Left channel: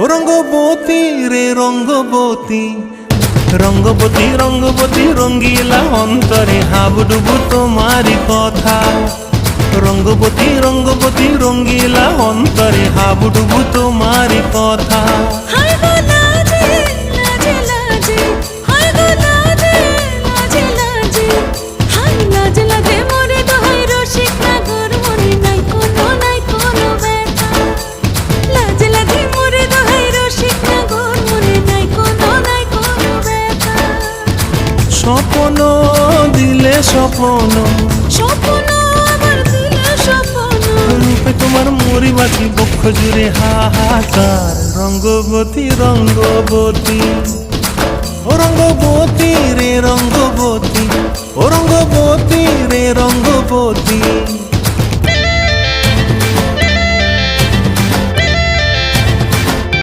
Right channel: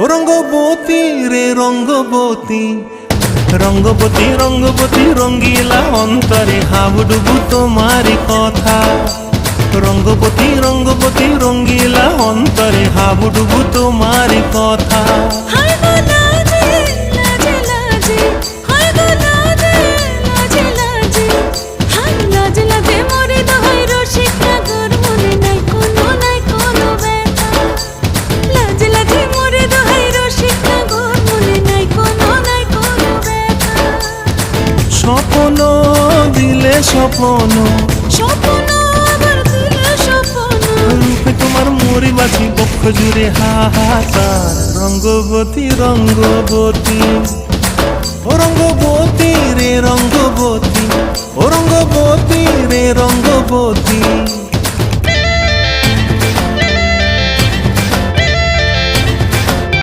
ও রঙ্গবতী রে রঙ্গবতী, রঙ্গবতী রঙ্গবতী রঙ্গিলা অন্তরে হাবুডুবু তোমারি কথা। রঙ্গবতী রঙ্গবতী রঙ্গিলা অন্তরে হাবুডুবু তোমারি কথা। হায় গো লাজে লাজে লাজে, হায় গো লাজে লাজে লাজে, হায় লাজে লাজে মোরে দোহাই রসিক নাগর মনে নাই কোনো ব্যথা। লাজে লাজে মোরে দোহাই রসিক নাগর মনে নাই কোনো ব্যথা। স্বপ্ন দিলে স্বপ্ন, স্বপ্ন আবার দিলে স্বপ্ন, রূপে তোমার মরি বাছি বক্ষ জুড়ে হাহাকার। রঙ্গবতী রঙ্গবতী, ও রঙ্গবতী রে রঙ্গবতী, ও রঙ্গবতী রে রঙ্গবতী।